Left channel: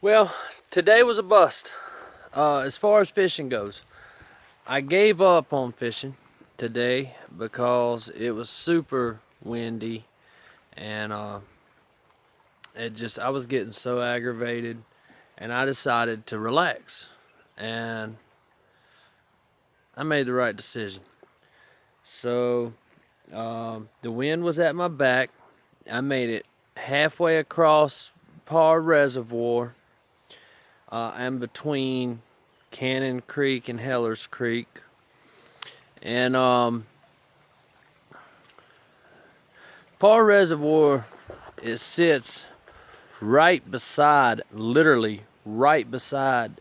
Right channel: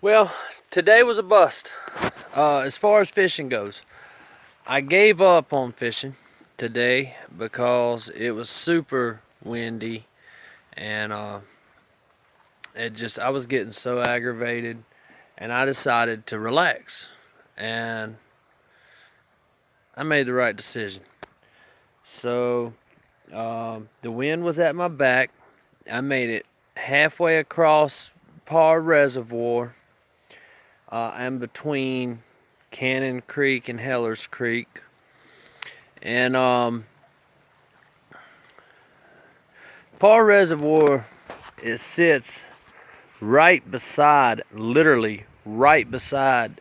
Well, today was a bust. As far as fishing goes, I gave up on fishing today because it was super windy and I was getting so aggravated, and I decided to relax, and I made the right decision. So the wind was at my back. I made it halfway across Par Reservoir. I'm between Cannon Creek and Heller's Creek. And Par Reservoir, it sits right beside, literally right beside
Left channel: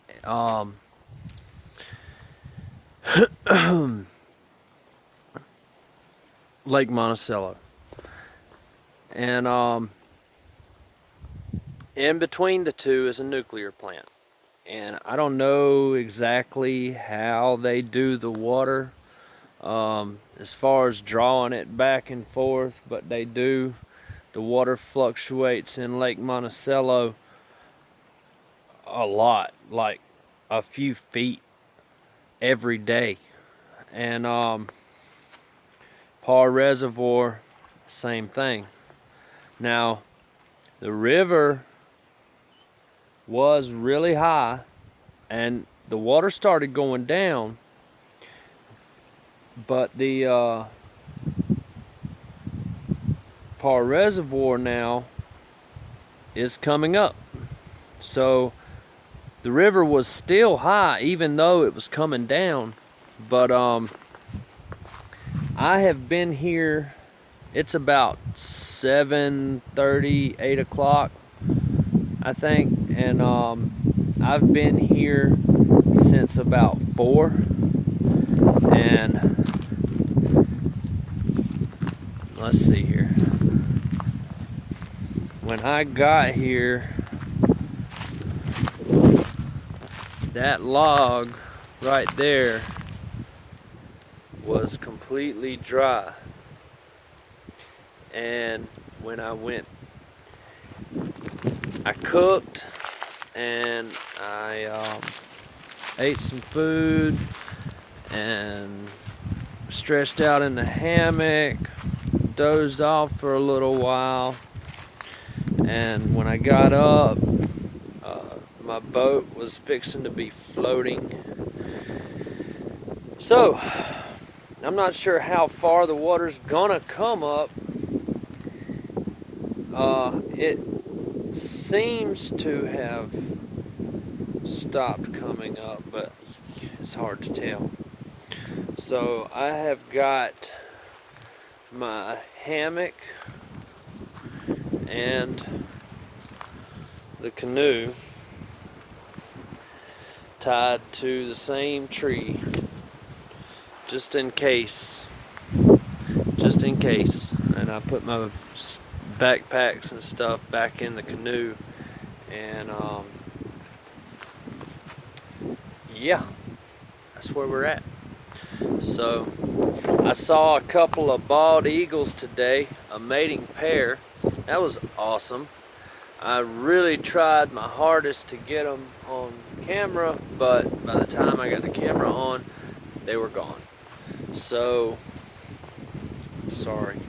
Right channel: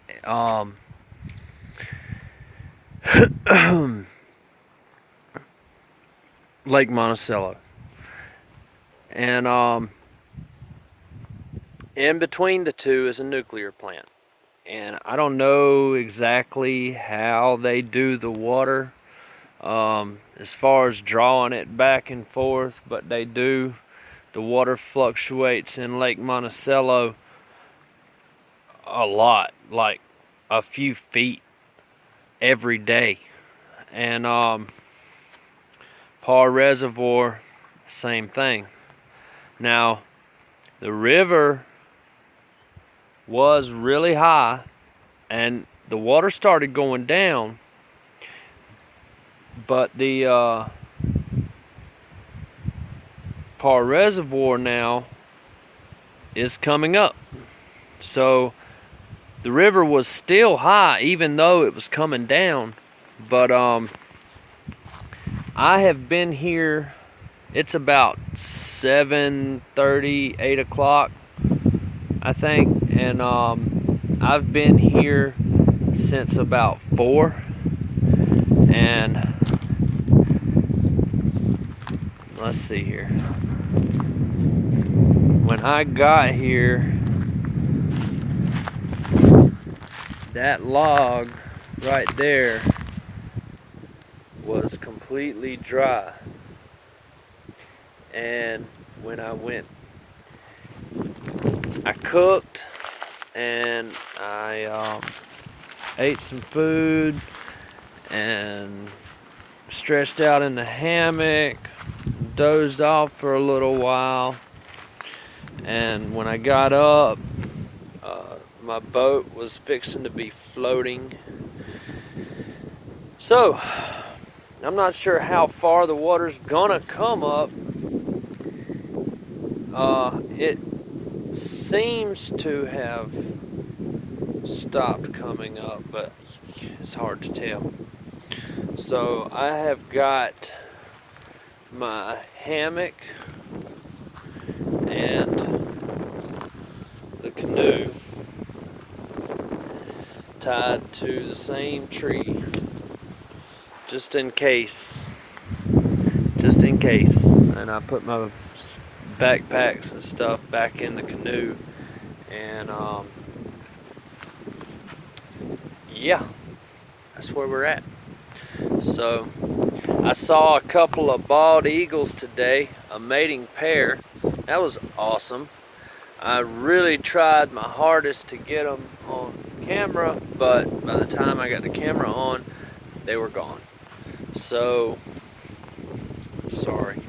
Lake Monticello. And in between the two is a nuclear plant. And I don't know exactly how they do the water as far as drawing it back and forth, but they do. The water fluctuates in Lake Monticello a lot, like a few feet every day. And Par Reservoir, same thing. Now, the river was really high and the water started going down, but the Par Reservoir now is coming up. So the river was still high even though it was coming down. But I have been here, it's about 7:30, 8 o'clock, I think, and I've been here since about 4. And let's see here. When I got here, that log right there was completely dry. And when I cooked and I ate some food and stretched out in the hammock, dozed off for a little while, and when I got up, my boat was fixing to be floating. So I'm not sure how far the water's gonna come up. It seems to have stopped coming up, but it's hard to tell. So I have got my hammock and the canoe tied to the same tree, just in case. And I put my backpacks and stuff back in the canoe, and yeah, that's where we're at. So I saw a couple of bald eagles today, a mating pair. That was awesome. I really tried my hardest to get them on camera, but by the time I got the camera on, they were gone. So sorry,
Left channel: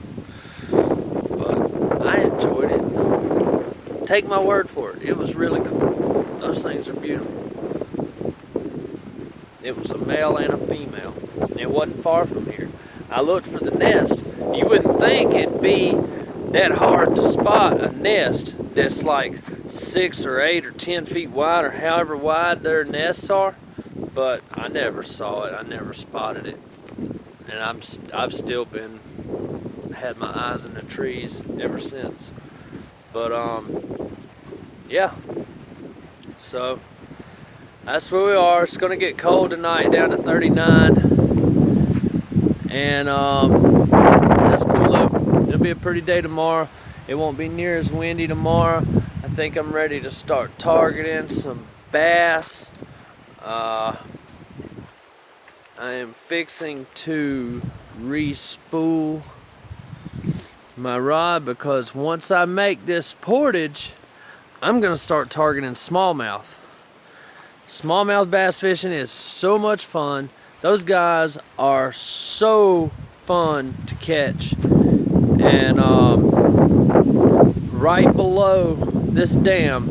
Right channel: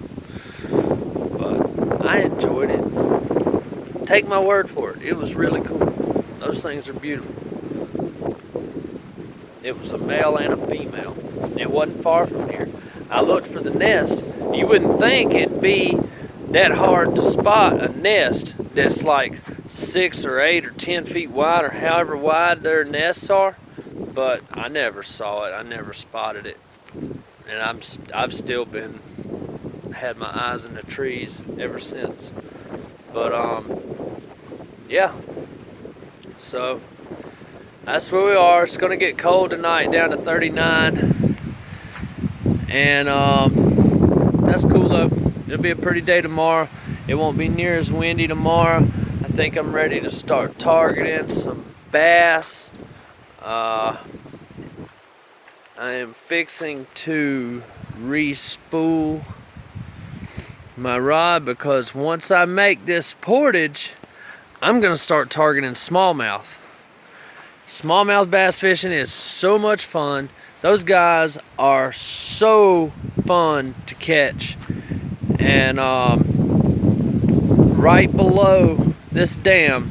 but I enjoyed it. Take my word for it, it was really cool. Those things are beautiful. It was a male and a female. It wasn't far from here. I looked for the nest. You wouldn't think it'd be that hard to spot a nest that's like 6 or 8 or 10 feet wide, or however wide their nests are, but I never saw it. I never spotted it, and I've still had my eyes in the trees ever since. But yeah, so that's where we are. It's gonna get cold tonight, down to 39, and that's cool though. It'll be a pretty day tomorrow. It won't be near as windy tomorrow. I think I'm ready to start targeting some bass. I am fixing to re-spool my rod, because once I make this portage, I'm gonna start targeting smallmouth. Smallmouth bass fishing is so much fun. Those guys are so fun to catch. And right below this dam,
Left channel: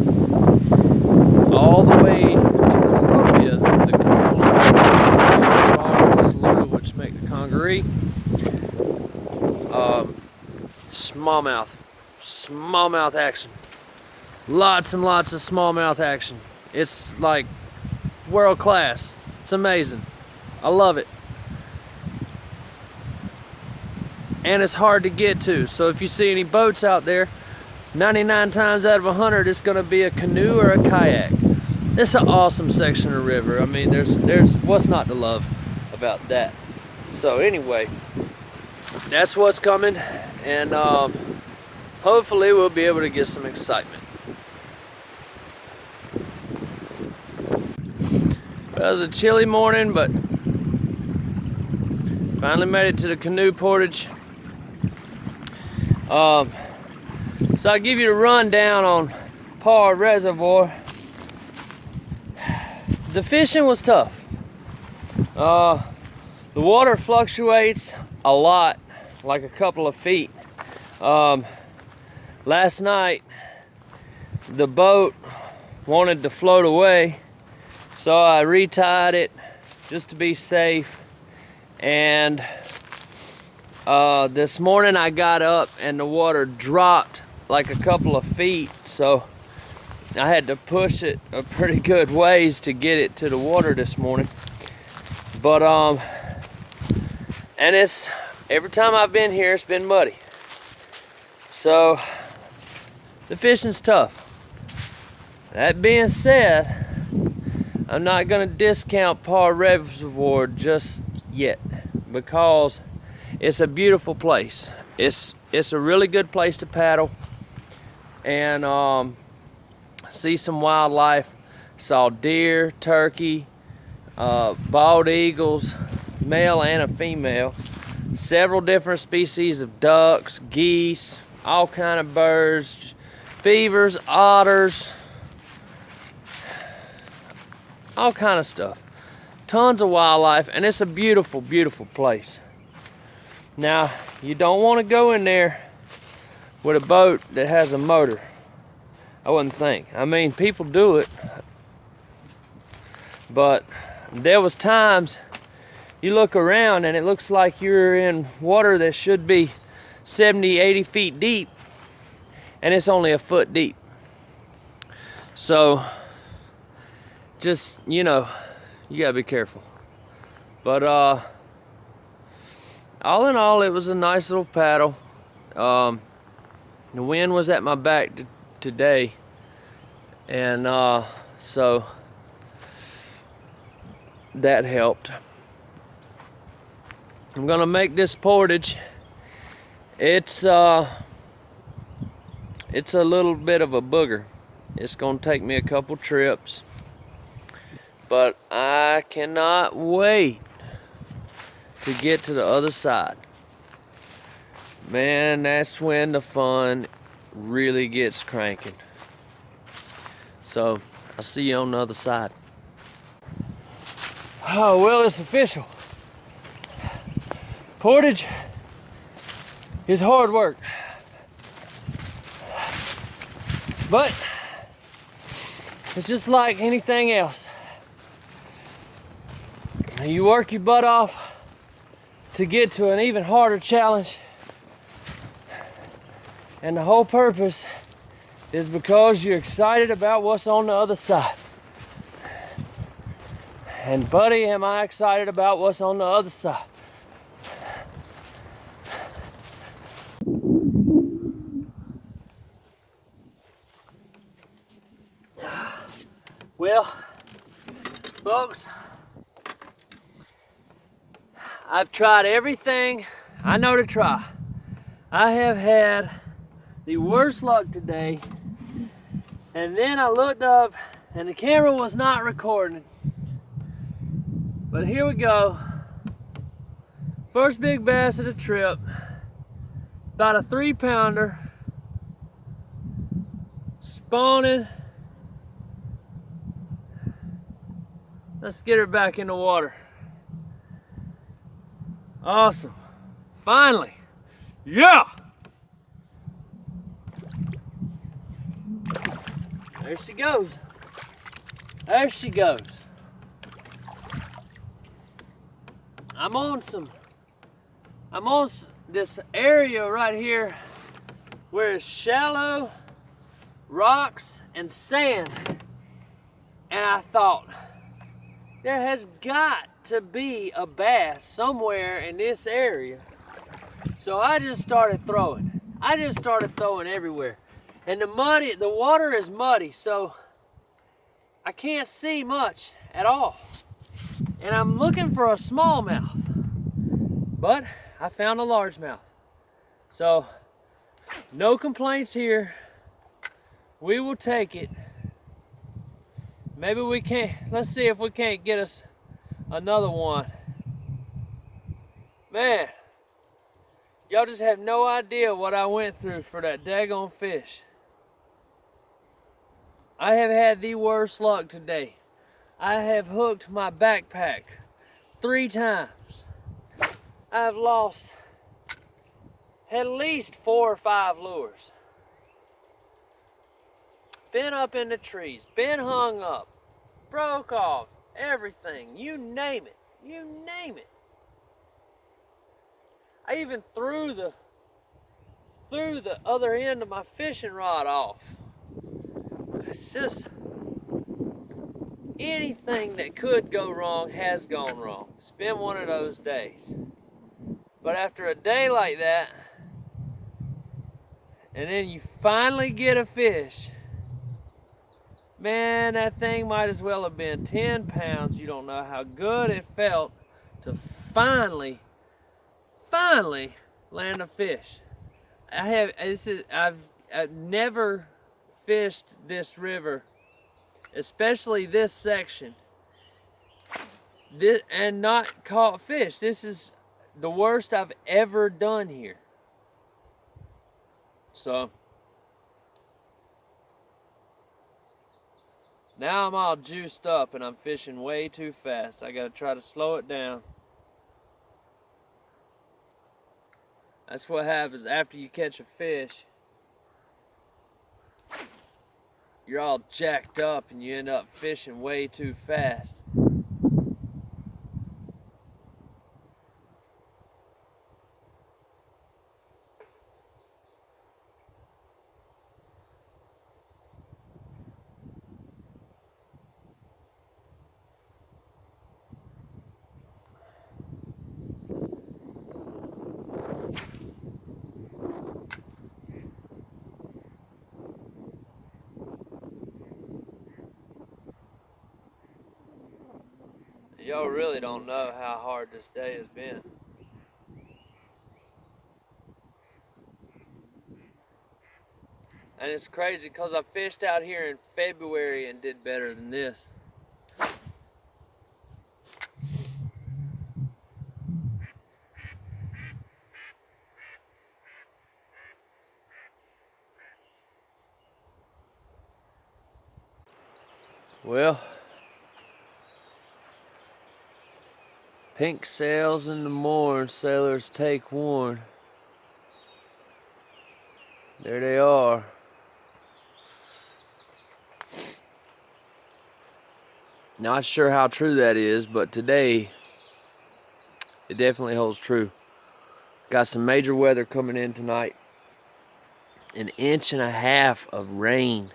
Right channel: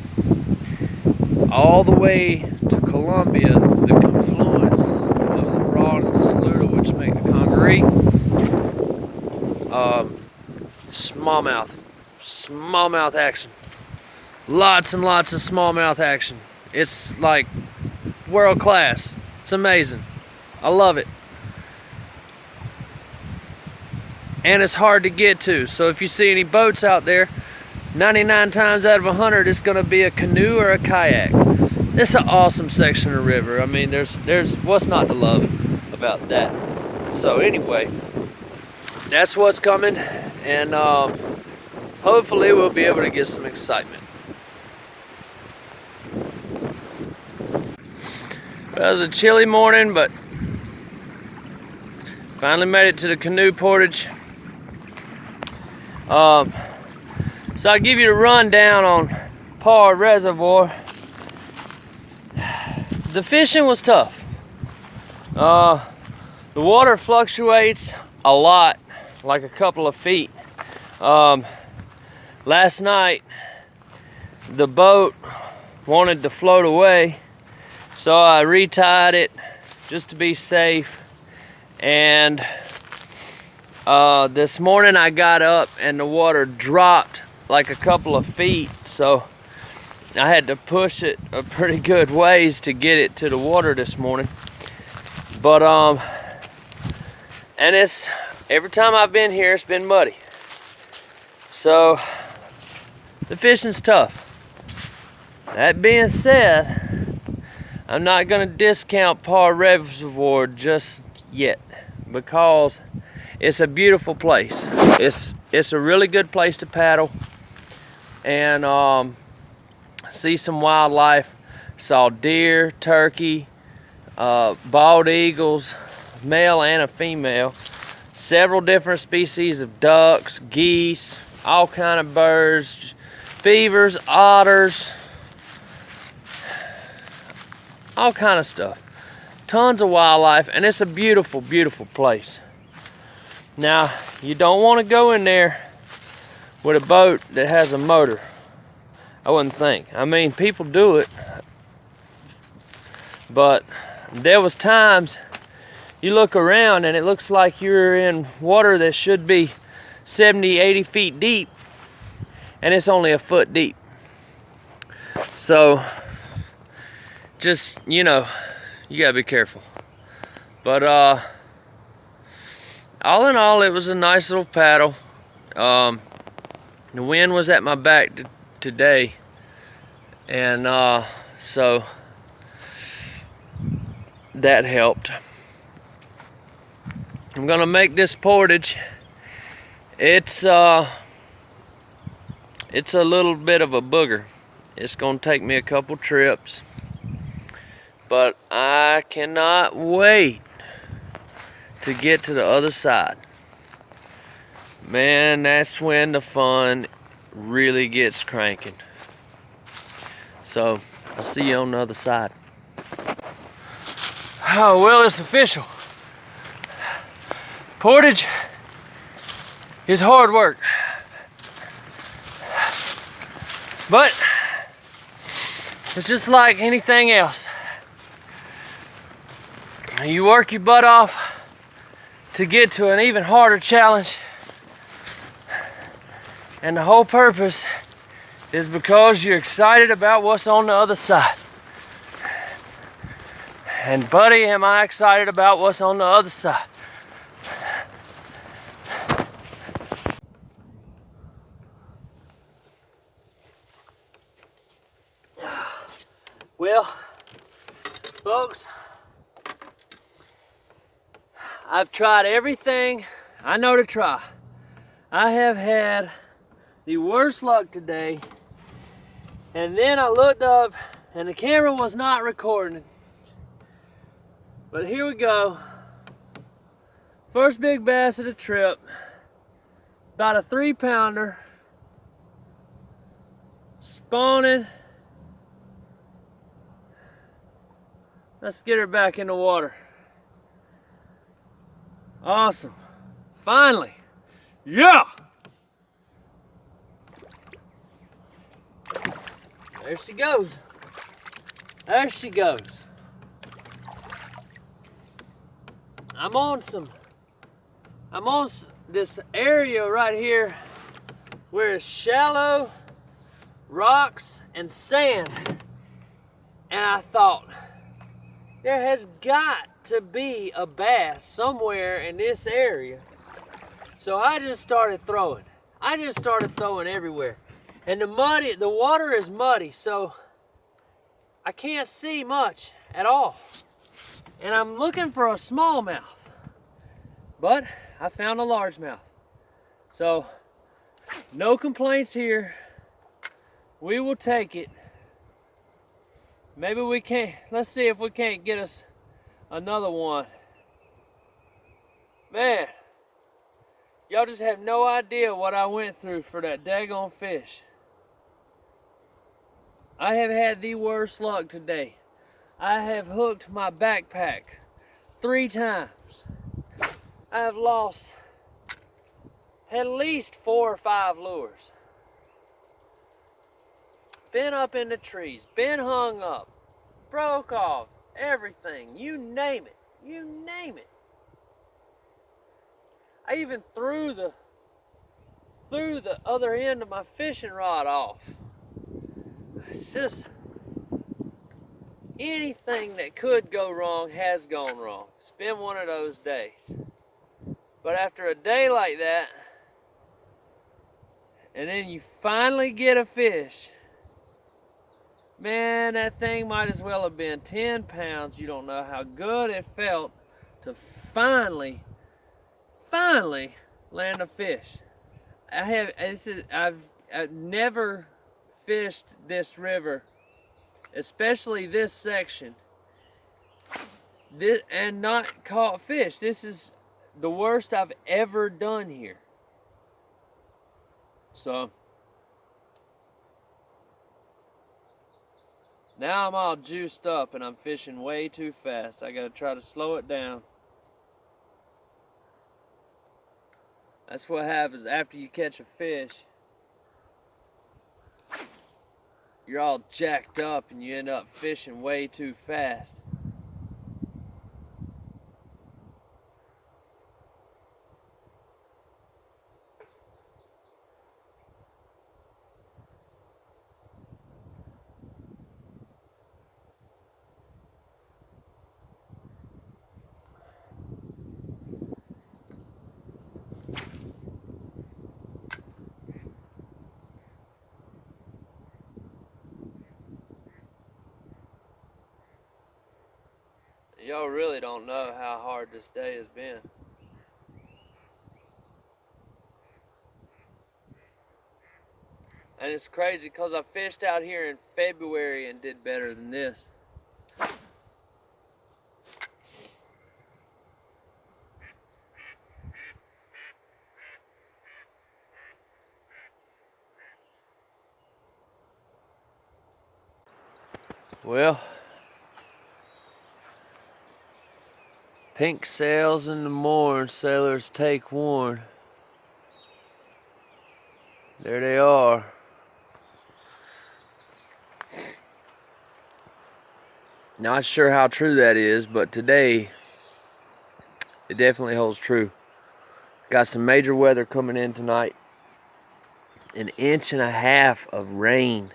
all the way to Columbia, the confluence of the Ronald Saluda, which make the Congaree, smallmouth action. Lots and lots of smallmouth action. It's like world class. It's amazing. I love it. And it's hard to get to. So if you see any boats out there, 99 times out of 100, it's gonna be a canoe or a kayak. It's an awesome section of river. I mean, there's what's not to love about that. So anyway, that's what's coming, and hopefully we'll be able to get some excitement. Well, it was a chilly morning, but finally made it to the canoe portage. So I'll give you a rundown on Parr Reservoir. The fishing was tough. The water fluctuates a lot, like a couple of feet. Last night, the boat wanted to float away, so I retied it just to be safe. And this morning I got up and the water dropped like a couple of feet, so I had to push it a pretty good ways to get it to the water this morning. But and it's every time I've been here, it's been muddy, so the fishing's tough. That being said, I'm not gonna discount Parr Reservoir just yet, because it's a beautiful place. It's a really good place to paddle and see some wildlife. Saw deer, turkey, bald eagles, male and a female, several different species of ducks, geese, all kind of birds, beavers, otters, all kind of stuff. Tons of wildlife, and it's a beautiful, beautiful place. Now, you don't want to go in there with a boat that has a motor. I wouldn't think. I mean, people do it, but there was times you look around and it looks like you're in water that should be 70, 80 feet deep, and it's only a foot deep. So, just, you know, you gotta be careful. But all in all, it was a nice little paddle. The wind was at my back today, and so that helped. I'm gonna make this portage. It's a little bit of a booger. It's gonna take me a couple trips, but I cannot wait to get to the other side. Man, that's when the fun really gets cranking. So, I'll see you on the other side. Oh, well, it's official. Portage is hard work, but it's just like anything else. You work your butt off to get to an even harder challenge, and the whole purpose is because you're excited about what's on the other side. And buddy, am I excited about what's on the other side. Well, folks, I've tried everything I know to try. I have had the worst luck today, and then I looked up and the camera was not recording. But here we go. First big bass of the trip, about a 3-pounder. spawning. Let's get her back in the water. Awesome. Finally. Yeah! There she goes. There she goes. I'm on this area right here where it's shallow rocks and sand. And I thought, there has got to be a bass somewhere in this area. So I just started throwing. I just started throwing everywhere. And the water is muddy, so I can't see much at all. And I'm looking for a smallmouth, but I found a largemouth. So no complaints here. We will take it. Maybe we can't. Let's see if we can't get us another one. Man, y'all just have no idea what I went through for that daggone fish. I have had the worst luck today. I have hooked my backpack 3 times. I've lost at least 4 or 5 lures. Been up in the trees, been hung up, broke off, everything, you name it, you name it. I even threw the other end of my fishing rod off. It's just anything that could go wrong has gone wrong. It's been one of those days. But after a day like that, and then you finally get a fish, man, that thing might as well have been 10 pounds. You don't know how good it felt to finally land a fish. I've never fished this river, especially this section, and not caught fish. This is the worst I've ever done here. So now I'm all juiced up and I'm fishing way too fast. I gotta try to slow it down. That's what happens after you catch a fish. You're all jacked up and you end up fishing way too fast. Y'all really don't know how hard this day has been. And it's crazy because I fished out here in February and did better than this. Well, pink sails in the morn, sailors take warn. There they are. Not sure how true that is, but today it definitely holds true. Got some major weather coming in tonight. 1.5 inches of rain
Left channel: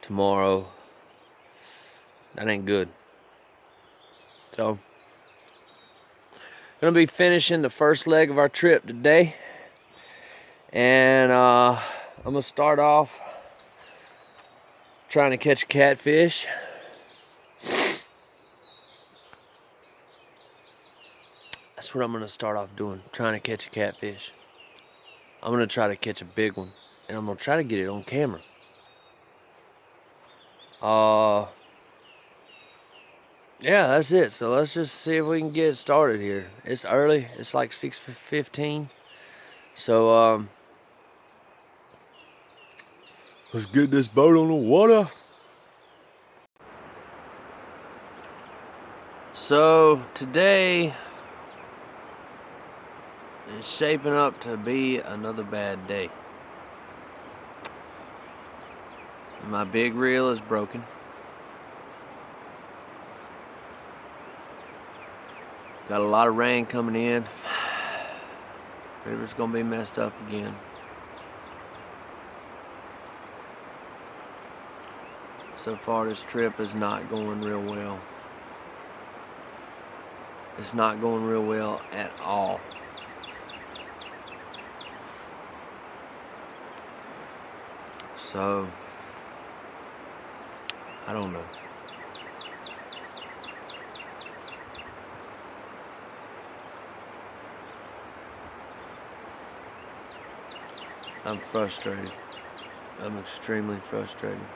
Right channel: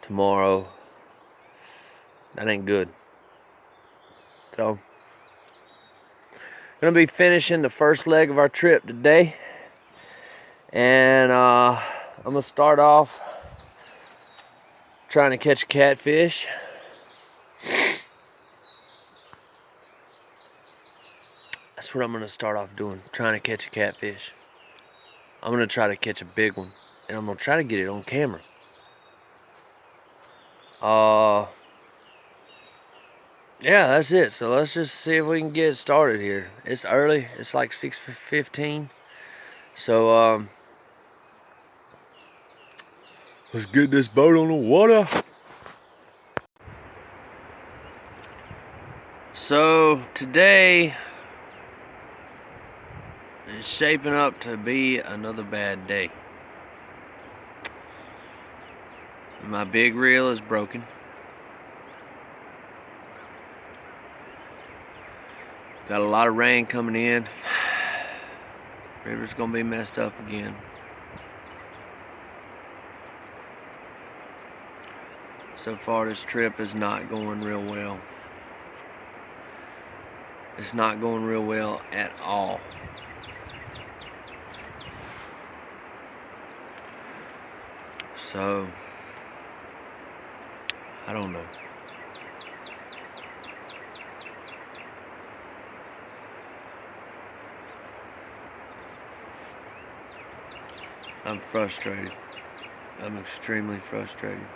tomorrow. That ain't good. So, gonna be finishing the first leg of our trip today. And I'm gonna start off trying to catch a catfish. That's what I'm gonna start off doing, trying to catch a catfish. I'm gonna try to catch a big one, and I'm gonna try to get it on camera. Yeah, that's it. So let's just see if we can get started here. It's early. It's like 6:15. So Let's get this boat on the water. So today is shaping up to be another bad day. My big reel is broken. Got a lot of rain coming in. River's gonna be messed up again. So far this trip is not going real well. It's not going real well at all. So, I don't know. I'm frustrated. I'm extremely frustrated.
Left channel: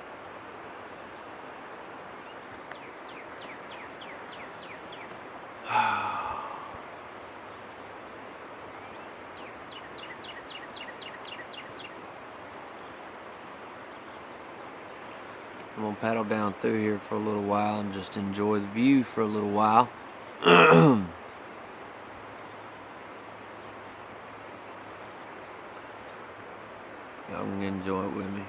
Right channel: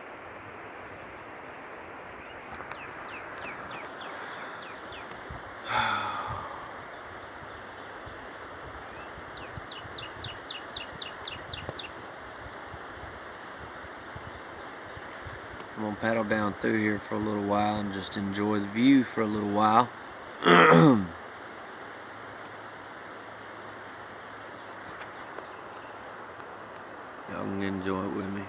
I'm gonna paddle down through here for a little while and just enjoy the view for a little while. Y'all can enjoy it with me.